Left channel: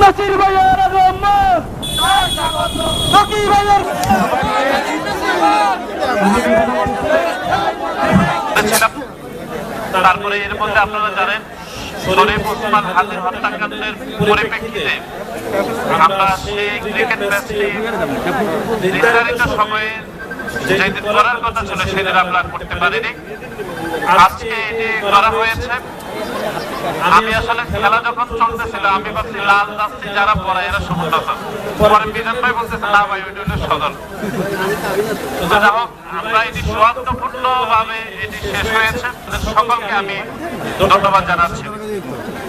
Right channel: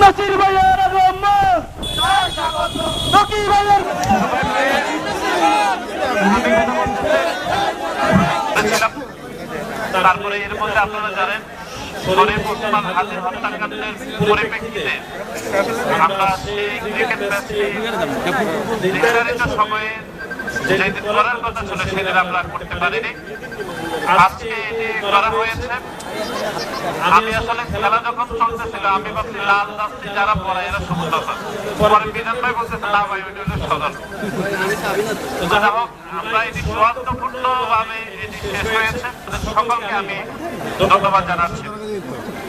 নাসির ভাইয়ের তারপরে এর মধ্যে আপনারা জানেন শরীফ ওসমান হাদির হত্যাকাণ্ডের পরিপ্রেক্ষিতে আমরা সেই ক্রিকেট ম্যাচটি নির্ধারিত সময়ে যেদিন করার কথা ছিল সেদিন আমরা করতে পারিনি। আজকে করা হয়েছে। আমি আসলে খেলা যখন চলতেছিল আমি ভাবছি লাল দাস্তি যারা পড়ে এরা সমস্যা পরে বিধান ভাই বলছে না ভাই ওইটা সদল। আমরা এটি চূড়ান্তপূর্ণভাবে এটি শেষ হয়েছে। সকলকে আমি ধন্যবাদ জানাচ্ছি।